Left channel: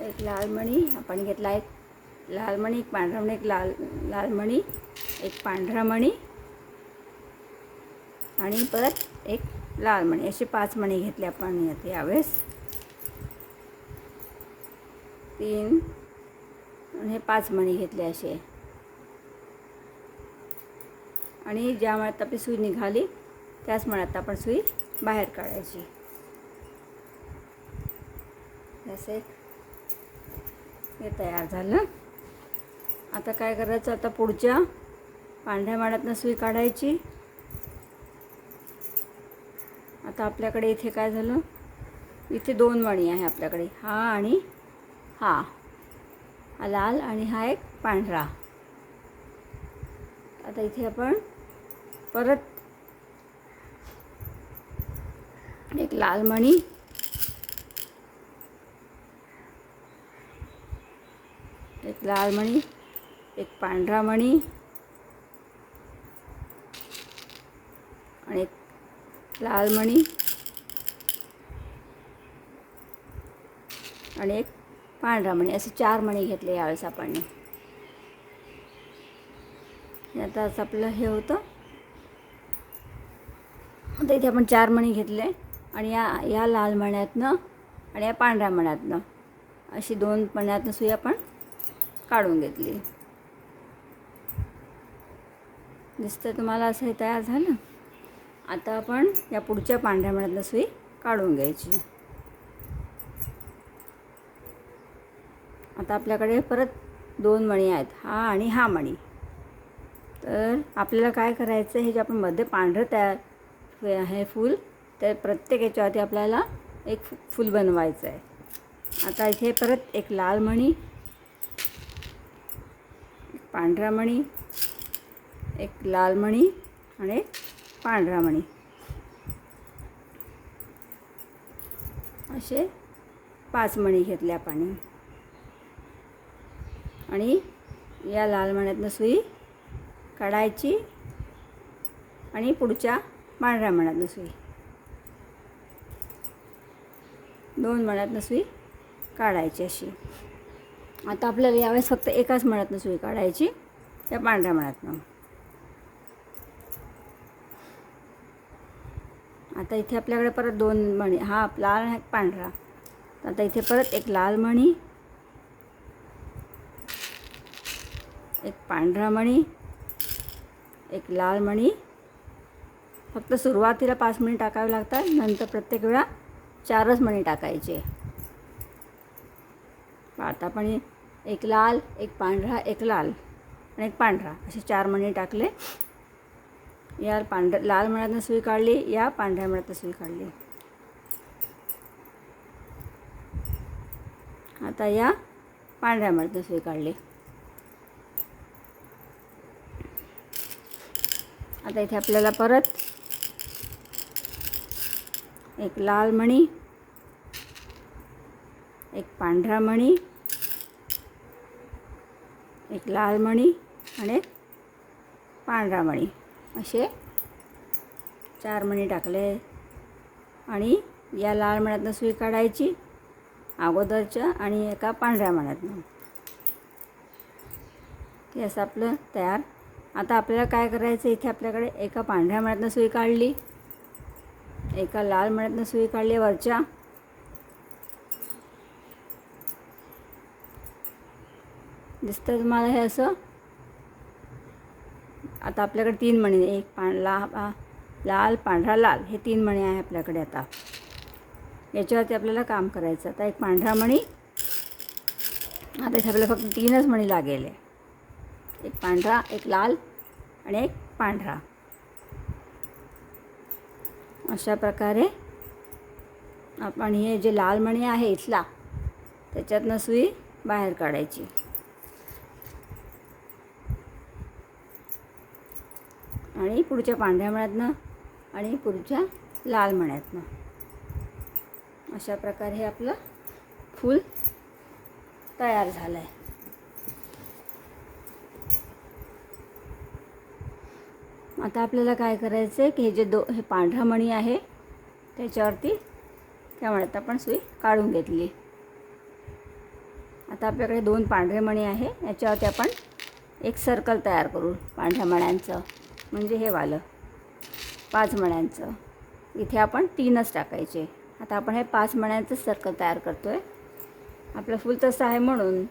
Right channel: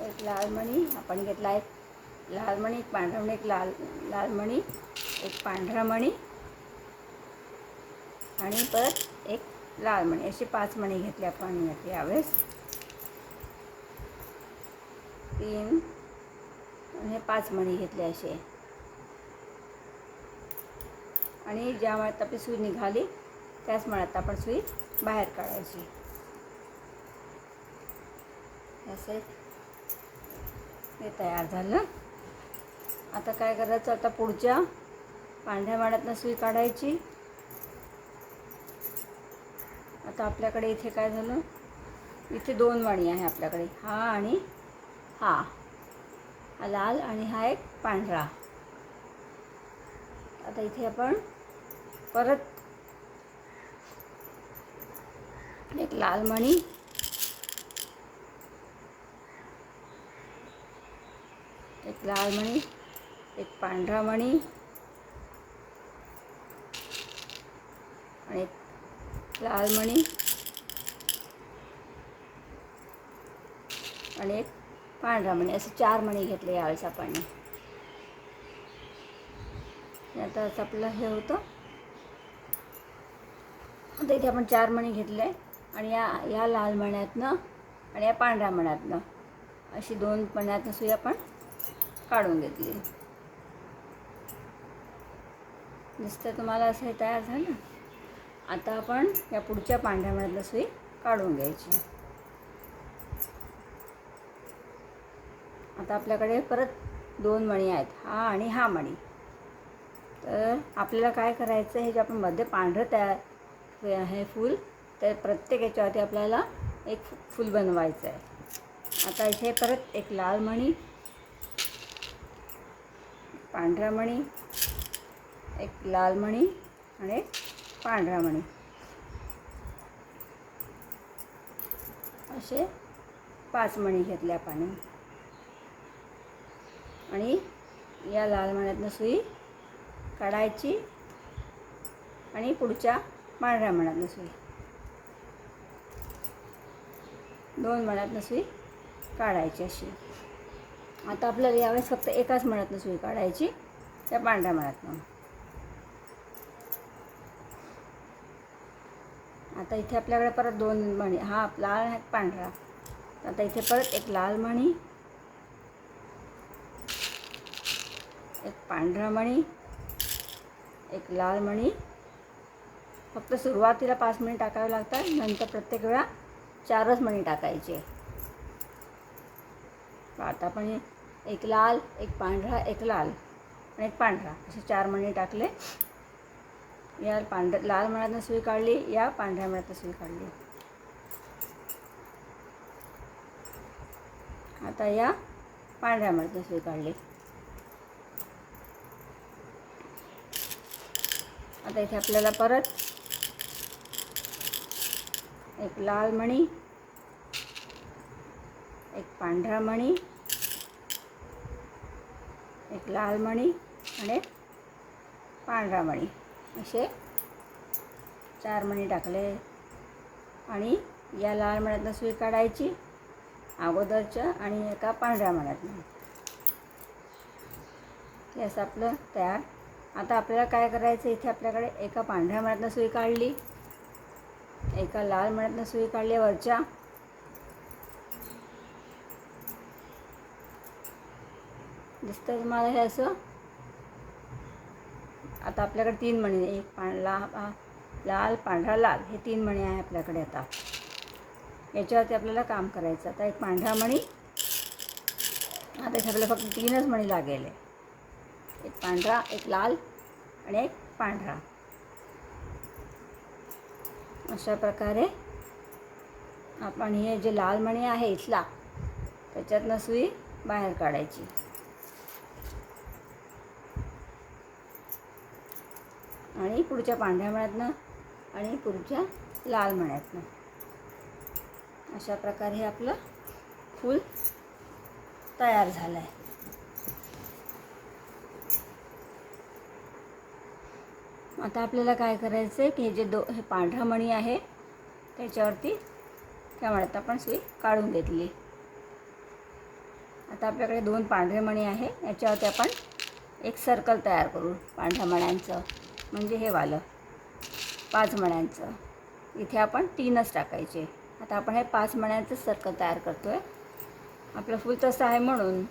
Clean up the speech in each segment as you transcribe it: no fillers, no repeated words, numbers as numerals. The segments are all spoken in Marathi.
एक लाल मणी आपण घेतला आहे, लाल मणी, एक पांढरा मणी, एक लाल मणी, एक पांढरा मणी आणि परत एक लाल मणी, असे 5 मणी घेतले आपण यावेळेस. 3 आणि 5 मणी घेतले असे. आणि ज्या मळ्यात आपली सुई निघाली त्याच मळ्यात आपण सुई बाहेर काढायची. असे हे तयार झालं. आता काय करायचं, आता पुढच्या पांढऱ्या मळ्यातनं सुई काढायची. आता आपल्याकडे इथे काय झालं, इथे 2 मणी आहे आपल्याकडे, हा आणि हा लाल आणि हा एक पांढरा. आता इथे आपण परत एक लाल मणी, एक लाल मणी, एक पांढरा मणी आणि एक लाल मणी आणि एक पांढरा मणी, असे 4 मणी घेतले यावेळेस आपण. आता असं आपलं हे होतं. आता इथे आपण 4 मणी घेतले आणि या लाल मण्यातनं आणि या पांढऱ्या मण्यातनं अशी 2 मण्यातनं सुई आपण काढून घेतली. दिसतं तुम्हाला असं हे तयार झालं. आता आपण या पुढच्या पांढऱ्या मण्यातनं सुई काढून घ्यायची. आता आपल्याकडे परत 2 मणी आहेत, हा आणि हा मणी. तर आपल्याला काय करायचं, हे जे आपण मध्ये पांढरं तयार आहे फूल, तर प्रत्येक याच्यावरती आपल्याला एक फूल बनवायचं आहे. आता इथे परत एक लाल मणी, एक पांढरा मणी, एक लाल मणी आणि एक पांढरा मणी, असे 5 मणी घेतले आपण. आणि या लाल मण्यातनं सुई काढायची आणि पुढच्या पांढऱ्या मण्यातनं सुई, 2 मण्यातनं सुई काढायची अशी. आता आपल्याला यावेळेस फक्त एकाच मण्यातनं सुई काढायची, त्या पांढऱ्या मण्यातनं. आता इथे आपल्याकडे परत 2 मणी, हा लाल आणि पांढरा. आता इथे परत एक लाल मणी, एक पांढरा मणी, एक लाल मणी. फक्त सुरुवातीला 5 मणी टाकावे लागतात, नंतर प्रत्येक वेळा 4च मणी टाकायचे. आता आपण एक लाल, एक पांढरा, एक लाल आणि एक पांढरा, असे 4 मणी टाकले. या लाल मण्यातनं सुई काढली, या पांढऱ्या मण्यातनं सुई काढली. आता या पांढऱ्या मण्यातनं सुई काढली. आता इथे आपल्याला परत एक लाल मणी, एक पांढरा मणी, एक लाल मणी आणि एक पांढरा मणी, असे 4 मणी टाकले. आणि या लाल मण्यातनं सुई काढायची अगोदरच्या आणि एका पांढऱ्या मण्यातनं. हे असं आपलं तयार. आता आपल्याला काय करायचं, इथे आपल्याकडे एका पांढऱ्या मण्यातनं सुई काढली, एका लाल मण्यातनं सुई काढली वरच्या. दिसतं तुम्हाला हे असं. आता आपल्याकडे 3 मणी, एक लाल, पांढरा, लाल, हे 3 मणी आहे आपल्याकडे. आता याच्यावरती आपल्याला काम करायचं. आता एक पांढरा मणी, आता इथे आपल्याला फक्त 3च मणी लागेल. एक पांढरा, एक लाल आणि एक पांढरा. अशा प्रकारे आपण हे जे लाल मणी आहे इथला, त्याच्यातनं सुई बाहेर काढायची. आणि पुढच्या पांढऱ्या मण्यातनं आणि पुढच्या लाल मण्यातनं. अशा प्रकारे हे आपलं फूल तयार झालं आहे. आता आपल्याला काय करायचं आहे की हे जे हे पांढरा मणी आहे त्याच्यावरती त्या मण्यात आपण सुई काढून घेतली. आता आपल्याकडे 2 पांढरे मणी आहे, याच्यावरती आपण एक सर्कल तयार करू पांढऱ्या मण्यांचं, म्हणजे हे वालं 5 मण्यांचं. इथे आपण 3च टाकायचे. आता आपण हे 5 मण्यांचं सर्कल तयार करतो आहे. आपलं फूल तसं आहे म्हणून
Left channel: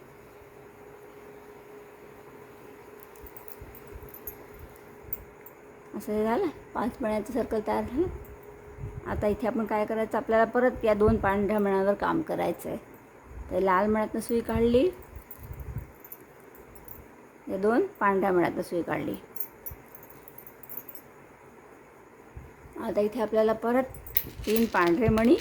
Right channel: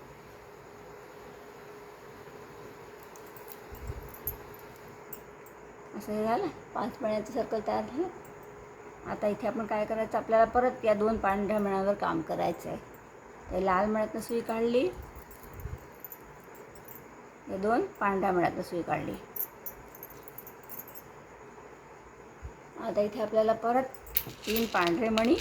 असं हे झालं. 5 मण्यांचं सर्कल तयार झालं. आता इथे आपण काय करायचं, आपल्याला परत या 2 पांढऱ्या मण्यावर काम करायचं आहे. तर लाल मण्यातनं सुई काढली, या 2 पांढऱ्या मण्यातनं सुई काढली. आता इथे आपल्याला परत 3 पांढरे मणी,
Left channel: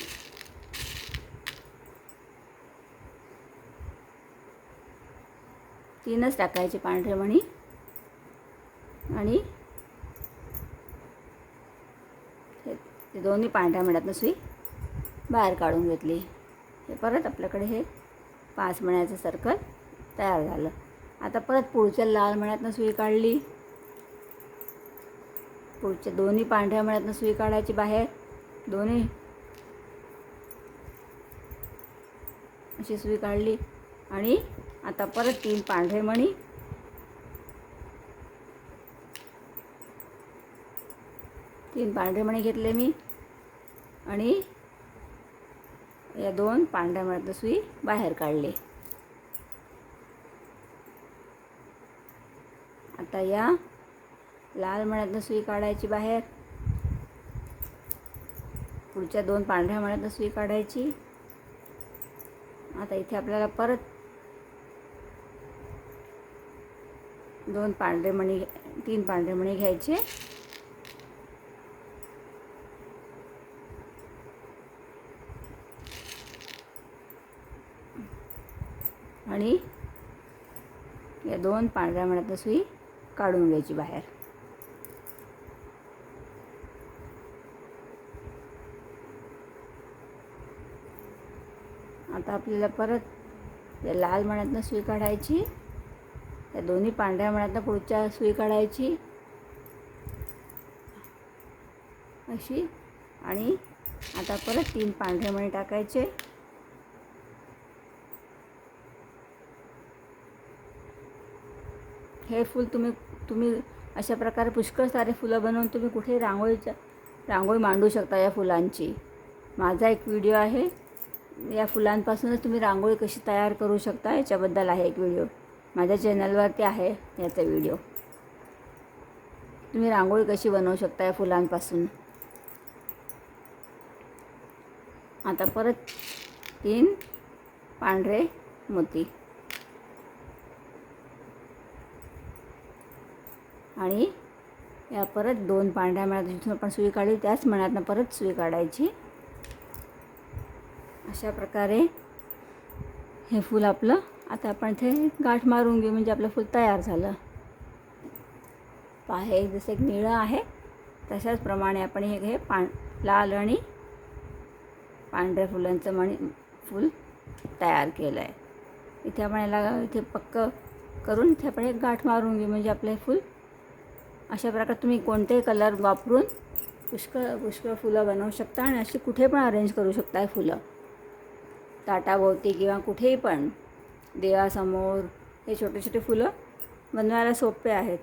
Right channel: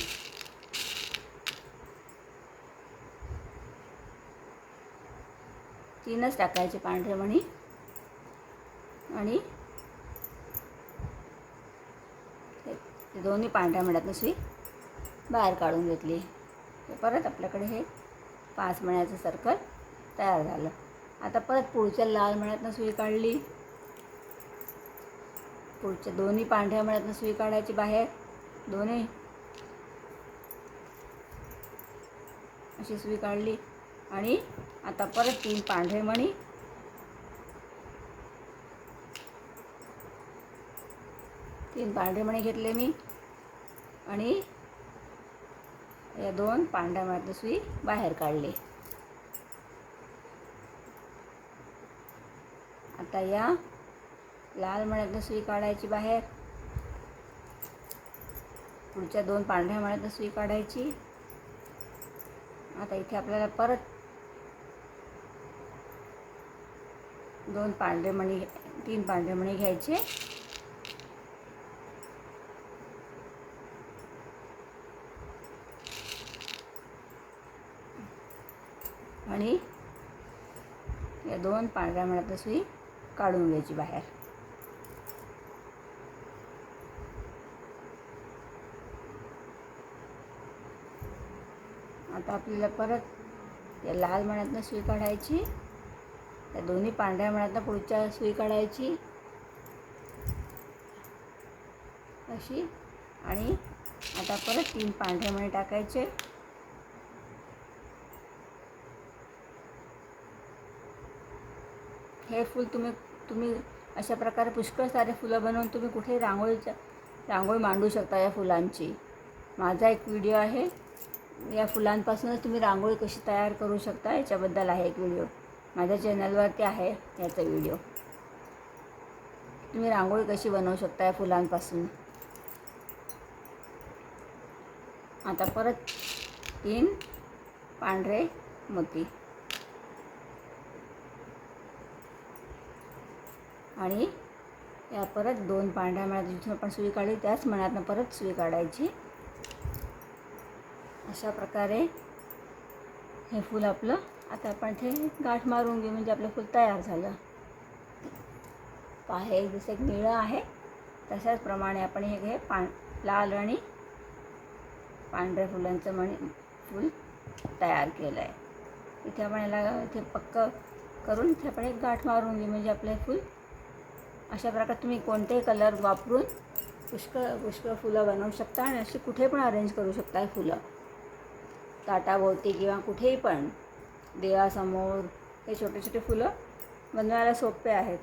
तीनच टाकायचे पांढरे मणी आणि हे दोन्ही पांढऱ्या मण्यातनं सुई बाहेर काढून घेतली. हे परत आपल्याकडे हे 5 मण्याचं सर्कल तयार झालं. आता परत पुढच्या लाल मण्यातनं सुई काढली, पुढच्या दोन्ही पांढऱ्या मण्यातनं सुई काढायची बाहेर, दोन्ही अशी सुई काढली. आणि आता परत 3 पांढरे मणी, 3 पांढरे मणी घेतले मी आणि या 2 पांढऱ्या मण्यातनं सुई बाहेर काढली. आता या लाल मण्यातनं सुई काढायची बाहेर, पुढच्या 2 पांढऱ्या मण्यातनं सुई काढायची. आता इथे आपल्याला परत 3 पांढरे मणी घ्यायचे आणि या 2 पांढऱ्या मण्यातनं सुई काढून घ्यायची बाहेर. आता आपल्याला परत या लाल मण्यातनं सुई काढायची, या दोन्ही पांढऱ्या मण्यातनं पुढच्या सुई काढायची अशी. आणि आता परत 3 पांढरे मणी टाकायचे. हे फूल तुम्ही अशा प्रकारे पुष्कळ सारे फुलं बनवून तुम्ही कुठे रांगोळी मांडू शकता या फुलांची. माझा एक व्हिडिओ आहे, या फुलांपासूनच तुम्ही रांगोळी कशी तयार करू शकता याच्याबद्दल आहे एक व्हिडिओ, माझ्या चॅनलवरती आहे याचा व्हिडिओ. तुम्ही रांगोळी कशी बनवू शकता या फुलांपासून. आता परत 3 पांढरे मोती आणि या परत 2 पांढऱ्या मण्यात जिथून आपण सुई काढली त्याच मण्यातनं परत सुई काढायची. अशा प्रकारे हे फूल आपलं, आता आपण इथे गाठ मारून घेऊ म्हणजे आपलं फूल तयार झालं. पहा, हे जसं एक निळं आहे तशाच प्रमाणे आपण हे लाल आणि पांढऱ्या फुलांचं फूल तयार केलं आहे. इथे आपण याला इथे पक्कं करून इथे आपण एक गाठ मारून घेऊ म्हणजे आपलं फूल. अशा प्रकारे तुम्ही कोणतेही कलर वापरून पुष्कळ फुलं बनवू शकता आणि अशी कुठे पण अरेंज करू शकता फुलं, ताटाभोवती किंवा कुठेही पण देवासमोर. हे छोटे छोटे फुलं बनवायला सोपे आहेत.